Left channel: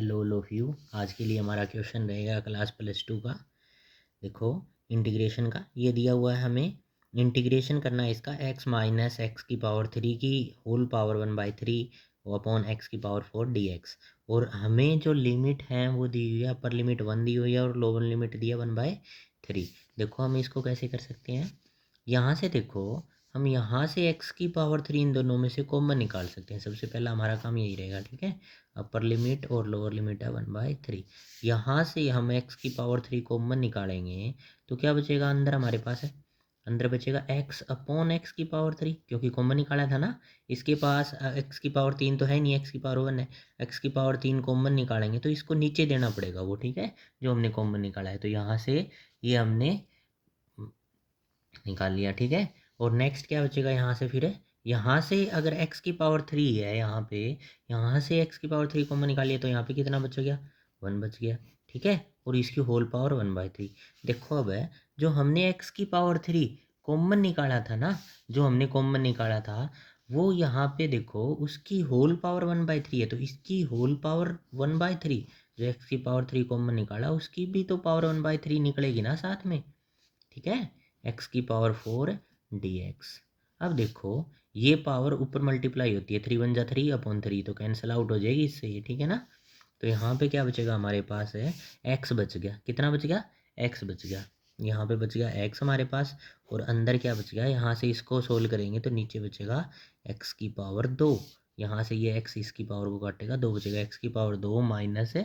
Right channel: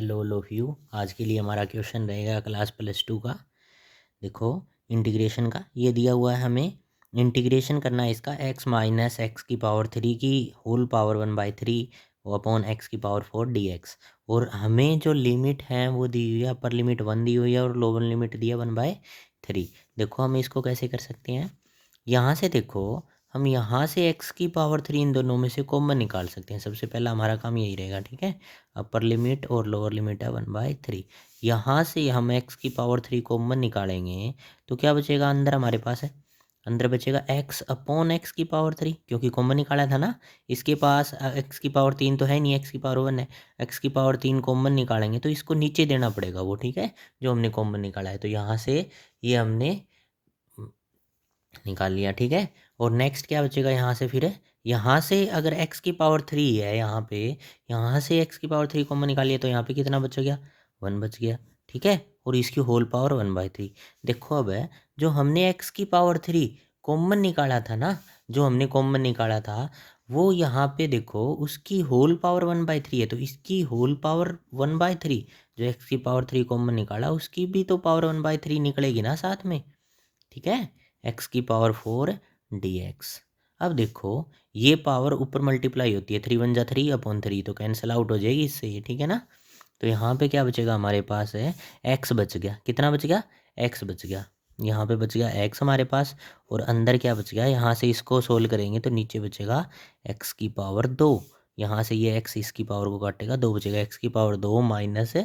Hello all of you. आज के लिए हमारा क्वेश्चन रहेगा क्लास +2 का। देखो, इंटीग्रेशन का ये दिया हुआ है, हमें इंटीग्रेशन करना है इसका x माइनस एक्स की पावर 3 की होल पावर 1/3 अपॉन एक्स की पावर 4 dx। और हमें जो लिमिट है वो दी हुई है, अपर लिमिट 1 दी हुई है और लोअर लिमिट दिया 1/3। देखो हम इसको कैसे कर सकते हैं। यहाँ से देखो, हम यहाँ से एक्स की पावर 3 इन दोनों में से कॉमन निकाल सकते हैं। सबसे पहला हमारा काम यही रहेगा, ठीक है। अपर लिमिट और लोअर लिमिट है 1/3। यहाँ से हम एक्स की पावर 3 कॉमन निकालेंगे तो क्या बचेगा, अंदर हमारे पास है, अंदर बचेगा एक्स अपॉन एक्स की पावर 3, क्योंकि कॉमन निकाला था ना। इसके पास एक्स की पावर 3 तो है नहीं, एक्स की पावर 1 है। एक्स की पावर 3 कॉमन निकालेंगे तो इसको नीचे देना पड़ेगा वो, ठीक है, जो हमने कॉमन निकाला है। तो यहाँ से ये हमने निकाल लिया, ठीक है। और नेक्स्ट क्या बचेगा यहाँ से, फिर यहाँ से अगर x की पावर 3 है यहाँ पे, यहाँ से x की पावर 3 कॉमन निकालिए तो यहाँ पे कितना बच गया, 1 बच गया, ठीक है। और इसकी होल पावर 1/3। देखो अब है, जो हमने x की पावर 3 कॉमन निकाला था ना, जो हमने कॉमन निकाला था वो यहाँ पे देखो उसकी होल पावर 1/3 है, तो इसकी होल पावर 1/3, जो x की पावर 3 कॉमन निकाला उसकी भी तो पावर 1/3 निकलेगी ना साथ में, ठीक है। एक्स की पावर 4 dx। अब देखो, ये पावर ऊपर मल्टीप्लाई होती है, 3 × 1 = 3 अपॉन 3, तो कैंसिल आउट हो जाएगी इससे ये, ठीक है ना। तो यहाँ पे क्या बचेगा हमारे पास है, एक्स बच गया। कितना बच गया, एक्स बच गया। यहाँ पे बच गया एक्स हमारे पास, और अंदर क्या बच गया, यहाँ से इसको सोल्व करेंगे तो नीचे बचेगा एक्स की पावर 2। यहाँ से ये एक्स इसकी पावर को काटेगा, 2 बचेगा, एक्स की पावर 2 माइनस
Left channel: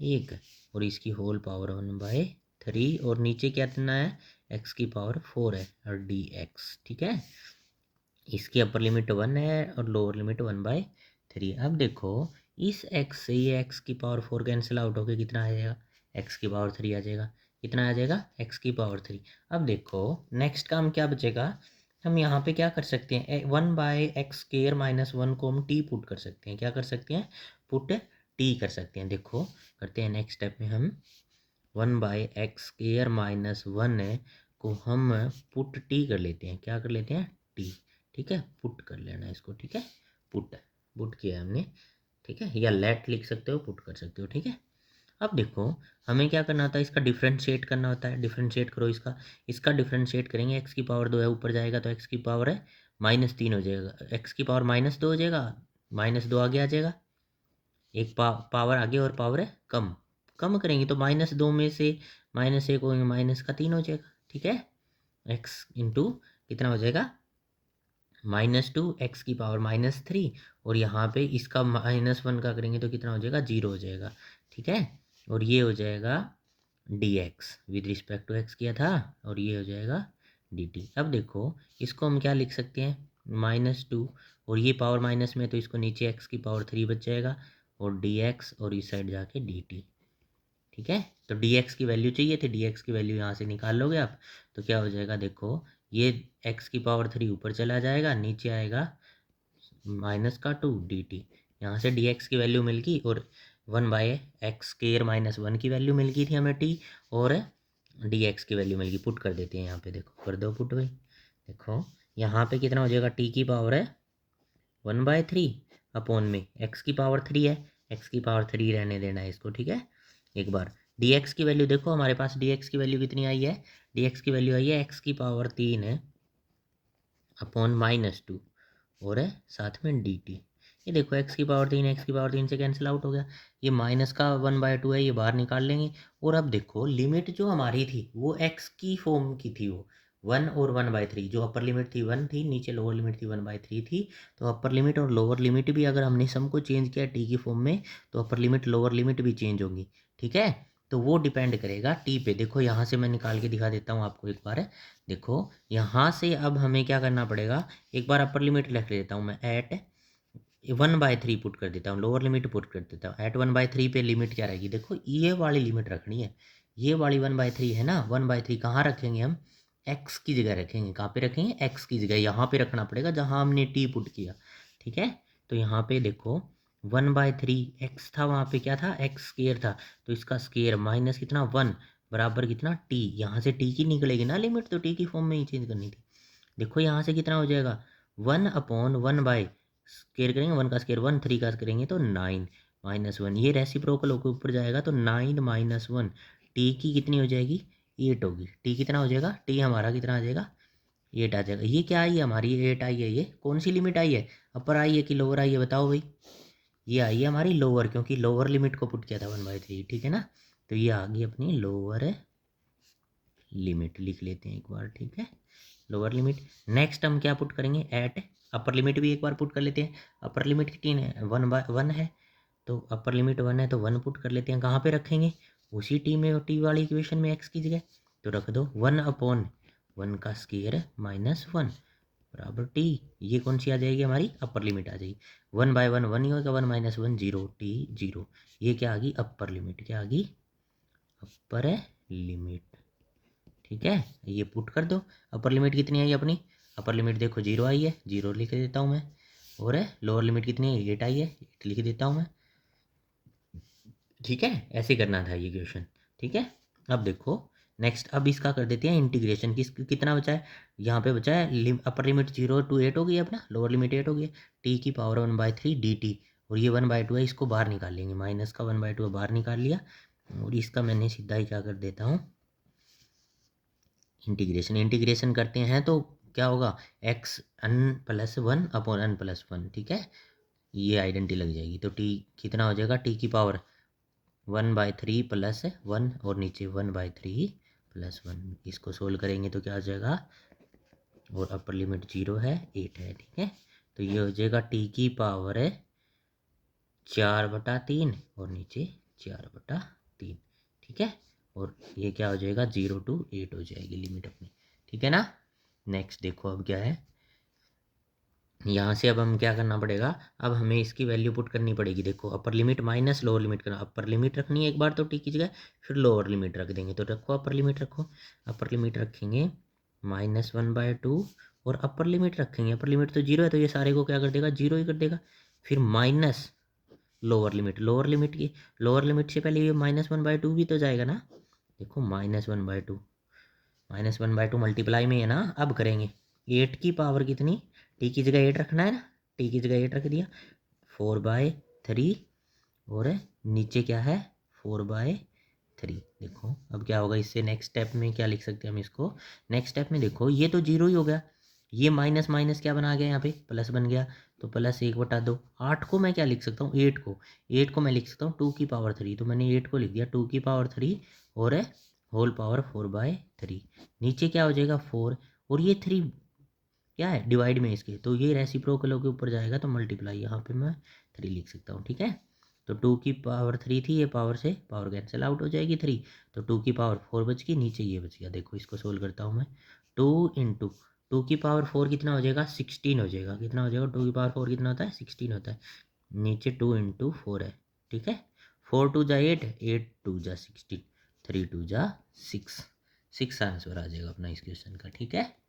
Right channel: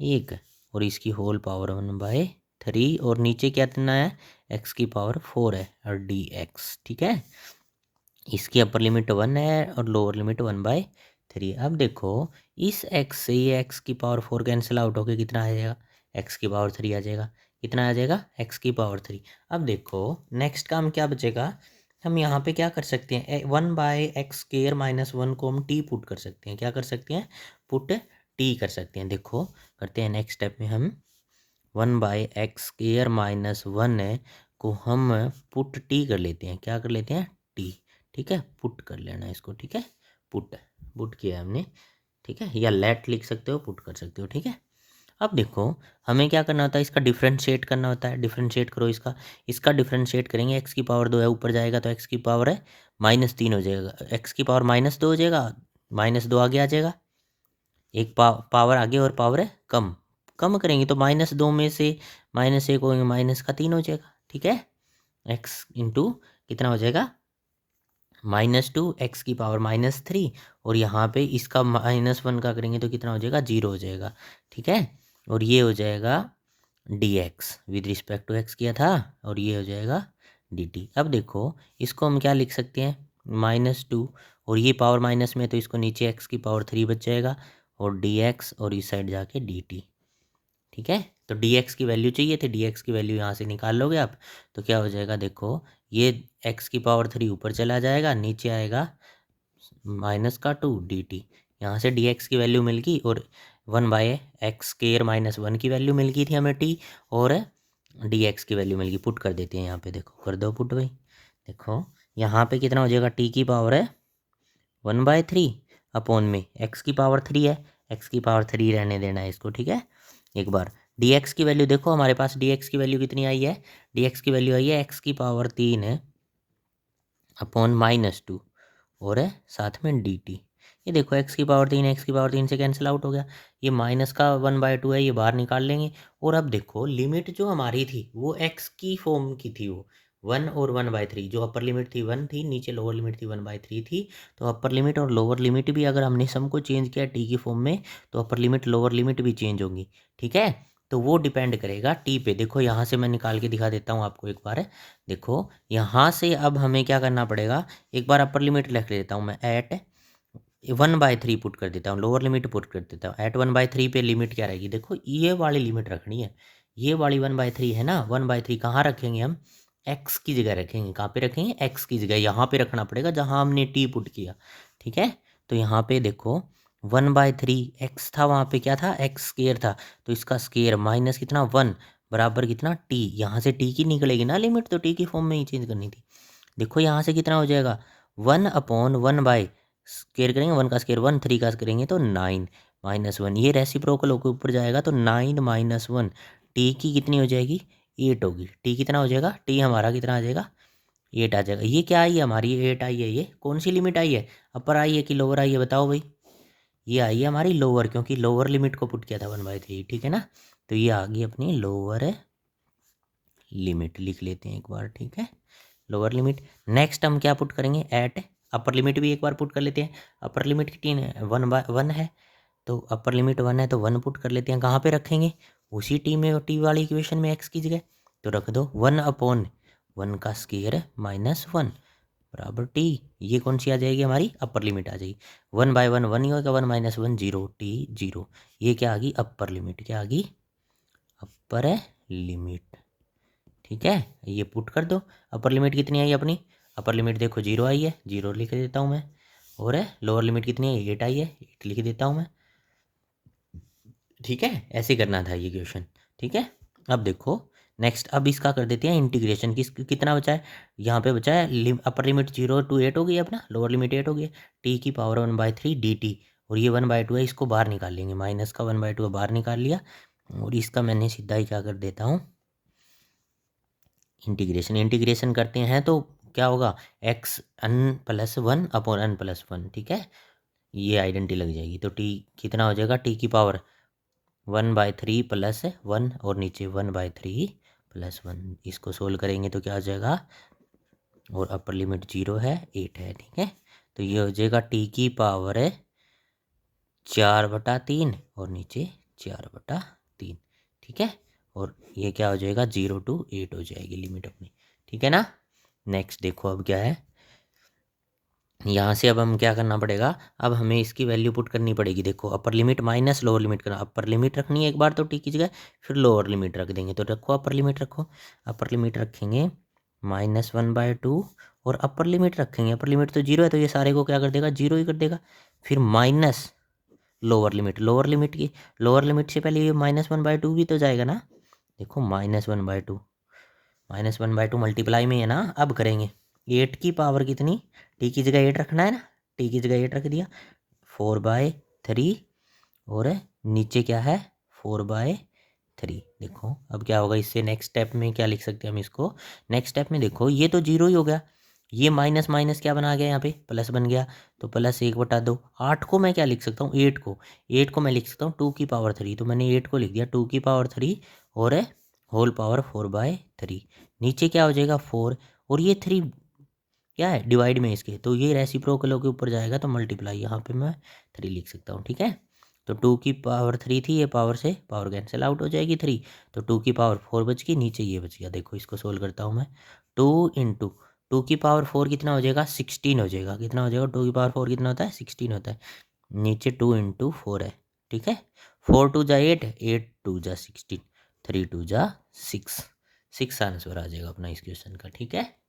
1, और इसकी होल पावर 1/3, और नीचे क्या देना है, एक्स की पावर 4 है और dx, ठीक है। इसकी अपर लिमिट 1 है और लोअर लिमिट 1/3। अब देखो, इस x से ये x की पावर 4 कैंसिल आउट होकर कितना आ जाएगा, x की पावर 3 आ जाएगा। कितना आ जाएगा, x की पावर 3। अब देखो नेक्स्ट काम क्या बचेगा, हम यहाँ पे क्या कर सकते हैं, 1/x² - 1 को हम t पुट कर सकते हैं। क्या कर सकते हैं, पुट t कर सकते हैं। देखो करते हैं, नेक्स्ट स्टेप में हम 1/x² - 1 को हम पुट टी कर लेते हैं। क्या कर लेते हैं, टी, ठीक है। पुट कर लेना इसको, ठीक है। पुट, पुट किया हमने, ठीक है, या लेट लिख सकते हो, पुट कर सकते हो, ठीक है। अब देखो, हमें क्या करना होता है, इसका डिफरेंशिएट करना होता है। डिफरेंशिएट करो इसका, इसका डिफरेंशिएट करेंगे, एक्स की पावर 2 है, ऊपर जाएगा तो एक्स की पावर है -3 हो जाएगा, एक्स की पावर -2 हो जाएगा, -2 आगे आ जाएगा, एक पावर आगे और पावर है कम, कम करेंगे तो -2 में से -1 होंगे, -3 हो जाएगा, ठीक है। एक्स इंटू कितना हो जाएगा, -2, एक्स की पावर -3, और यहाँ पे इसका -1 का करेंगे तो कितना हो जाएगा, 0 हो जाएगा, ठीक है। और ये हो जाएगा dx, with respect to X किया था, और ये हो जाएगा dt। अब देखो, इसको हम क्या लिख सकते हैं, -2, और ये पावर माइनस में तो इसको नीचे एक्स की पावर 3 बच जाएगा, और dx, और इस साइड जाके dt, ठीक है। तो dx की वैल्यू चाहिए थी, dx की वैल्यू यहाँ से निकाल लोगे आप, तो क्या हो जाएगा, देखो ये x की पावर 3 ऊपर चला जाएगा, नीचे आएगा -2 dt। यहाँ से dx की वैल्यू मिल गई, और 1/x² - 1 की वैल्यू मिल गई थी हमें t, और dx की वैल्यू मिल गई। पुट कर देते हैं यहाँ पे, देखो कर दो पुट भाई। देखो यहाँ पे कितना हो जाएगा, t की पावर है 1/3 अपॉन में x की पावर 3 है, x की पावर 3 रहने देना है इसको, ठीक है। एक बार dx की वैल्यू देखो, हमारे पास dx की वैल्यू कितनी आई है, dx की वैल्यू आई है x की पावर 3 है अपॉन -2, और है साथ में dt। ये देखो x की पावर 3, x की पावर 3 से कैंसिल आउट हो गया, ये माइनस का 1/2 है, ये बाहर निकाल लेंगे। और अब देखो, लिमिट जो हमारी थी वो x की फॉर्म की थी, वो 1 और 1/3, जो अपर लिमिट थी 1 थी, नीचे लोअर लिमिट थी 1/3 थी। तो अपर लिमिट और लोअर लिमिट भी अगर हमने सम को चेंज किया टी की फॉर्म में, तो अपर लिमिट लोअर लिमिट भी चेंज होंगी, ठीक है। तो वो डिपेंड करेगा टी पे। देखो यहाँ से मैं निकाल के दिखा देता हूँ आपको एक बार। देखो यहाँ से अब हमें क्या करना पड़ेगा, एक बार अपर लिमिट लिख देता हूँ मैं, एट 1/3 पुट कर देता हूँ, लोअर लिमिट पुट कर देता हूँ। एट 1/3 पे लिमिट क्या रहेगी, देखो ये वाली लिमिट रखनी है, ये वाली 1/3 है ना। 1/3 कहाँ रखेंगे हम, एक्स की जगह रखेंगे। कहाँ पे रखेंगे, एक्स की जगह, यहाँ पे रखना पड़ेगा जहाँ हमने टी पुट किया, ठीक है। तो यहाँ पे देखो 1/3 एक्स था, वहाँ पे क्या था, x² था, तो इसका स्केयर माइनस कितना 1 बराबर कितना टी। यहाँ से टी की निकलेगी ना लिमिट, तो टी की फॉर्म में ही चेंज करनी थी। देखो यहाँ से कितना हो जाएगा, 1/1 बाई स्केयर करेंगे, 1 का स्केयर 1, 3 का करेंगे तो 9, -1। ये रेसिप्रोकल होकर ऊपर जाएगा तो 9 - 1 टी की कितनी हो जाएगी, 8 होगी। टी कितना हो जाएगा, टी हमारा कितना आ जाएगा, 8 आ जाएगा। ये क्या आई है हमारी, 8 आई है। ये कौन सी लिमिट आई है, अपर आई है कि लोअर आई है, बताओ भाई। ये आई है हमारी लोअर, क्योंकि लोअर लिमिट को पुट किया था 1/3, ठीक है ना। तो ये आ गई अपनी लोअर लिमिट, लिख लेते हैं एक बार, ठीक है, लोअर लिमिट। नेक्स्ट हम क्या पुट करेंगे, एट अपर लिमिट भी एक बार पुट कर लेते हैं। अपर लिमिट कितनी है, 1/1 है, तो अपर लिमिट 1 है तो 1 पुट कर लेते हैं। कहाँ पे रखेंगे, उसी टी में, टी वाली इक्वेशन में एक्स की जगह, तो रख दो 1/1 का स्क्वायर -1 बराबर टी। ये कौन सी आ जाएगी हमारी, अपर लिमिट आ जाएगी। 1/1 1 ही होगा, 1 - 1 0, टी 0। ये क्या आ गई, अपर लिमिट, क्या आ गई, अपर लिमिट, ठीक है। ये पुट कर दो। अपर लिमिट कितनी आई अपनी, अपर लिमिट देखो 0 आई है, 0 लिख देता हूँ मैं। और लोअर लिमिट कितनी है, 8 आई है, 8 लिख देता हूँ मैं, ठीक है। ऐसे करना था ये क्वेश्चन, ठीक है। अब देखो नेक्स्ट, अब इसका कर देते हैं इंटीग्रेशन। कितना बचा है, यहाँ पे बचा है अपर लिमिट 0 to 8 हो गई है अपना, लोअर लिमिट 8 हो गई है, टी की पावर 1/3 dt। और ये 1/2 है, इसको बाहर निकाल लेंगे, माइनस का 1/2 बाहर निकाल लिया। और इसका मैंने सीधा ही क्या कर देता हूँ, इंटीग्रेशन करते हैं तो क्या होगा, x n+1/n+1, ठीक है। ये आइडेंटिटी लग जाएगी, तो टी कितना हो जाएगा, टी की पावर 1/3 + 1 और नीचे 1/3 + 1। इसको सोल्व करेंगे तो क्या आ जाएगा, और अपर लिमिट 0 है, 8 है, ठीक है। तो ये हो जाएगा टी की पावर है 4/3 और नीचे 4/3, ठीक है। और ये क्या हो जाएगा, 0 to 8 हो जाएगी लिमिट अपनी, ठीक है ना। नेक्स्ट देखो अब क्या है, यहाँ से अब हम क्या करना पड़ेगा, अब हमें इसकी वैल्यू पुट करनी पड़ेगी। देखो upper limit minus lower limit करना, अपर लिमिट रखनी है एक बार तो टी की जगह, फिर लोअर लिमिट रख देंगे। तो रखो अपर लिमिट, रखो अपर लिमिट रखेंगे -1/2, और अपर लिमिट रखेंगे, अपर लिमिट तो 0 है तो ये सारे को क्या कर देगा, 0 ही कर देगा। फिर minus lower limit, lower limit की, लोअर लिमिट से पहले ये -1/2 भी तो जाएगा ना। देखो -1/2, -1/2 मल्टीप्लाई में है ना, अब करेंगे 8 की पावर कितनी, टी की जगह 8 रखना है ना, टी की जगह 8 रख दिया, 4/3। और नीचे क्या है, 4/3। देखो अब क्या होगा, इससे नेक्स्ट स्टेप में क्या लिख सकते हैं हम इसको, नेक्स्ट स्टेप में देखो ये तो 0 ही हो गया, ये माइनस माइनस क्या बना गया, यहाँ पे प्लस बन गया, तो +1/2। 8 को मैं क्या लिख सकता हूँ, 8 को मैं लिख सकता हूँ 2 की पावर 3, तो मैंने 8 को लिख दिया 2 की पावर 3 और होल पावर 4/3। नीचे क्या हो जाएगा 4, और ये 3 क्या है, डिवाइड में इसके, तो ये रेसिप्रोकल के ऊपर जाएगा तो मल्टीप्लाई, यहाँ पे मैं 3 लिख सकता हूँ, ठीक है। तो 2 की पावर 3 थी, ये पावर से पावर कैंसिल आउट हो जाएगी 3, तो 2 की पावर 4 बच गई, नीचे ये बच गया। देखो इसको सोल्व करता हूँ मैं, 2 की पावर 4 कितना हो जाएगा, 16 हो जाएगा। कितना हो जाएगा, 2 की पावर 4 कितना होता है, 16 होता है। नीचे 2 × 4 है, ठीक है। 4 × 2 = 8, 8 × 2 = 16, 3 × 2 = 6, 6 आंसर आ जाएगा अपना इस क्वेश्चन का, ठीक है।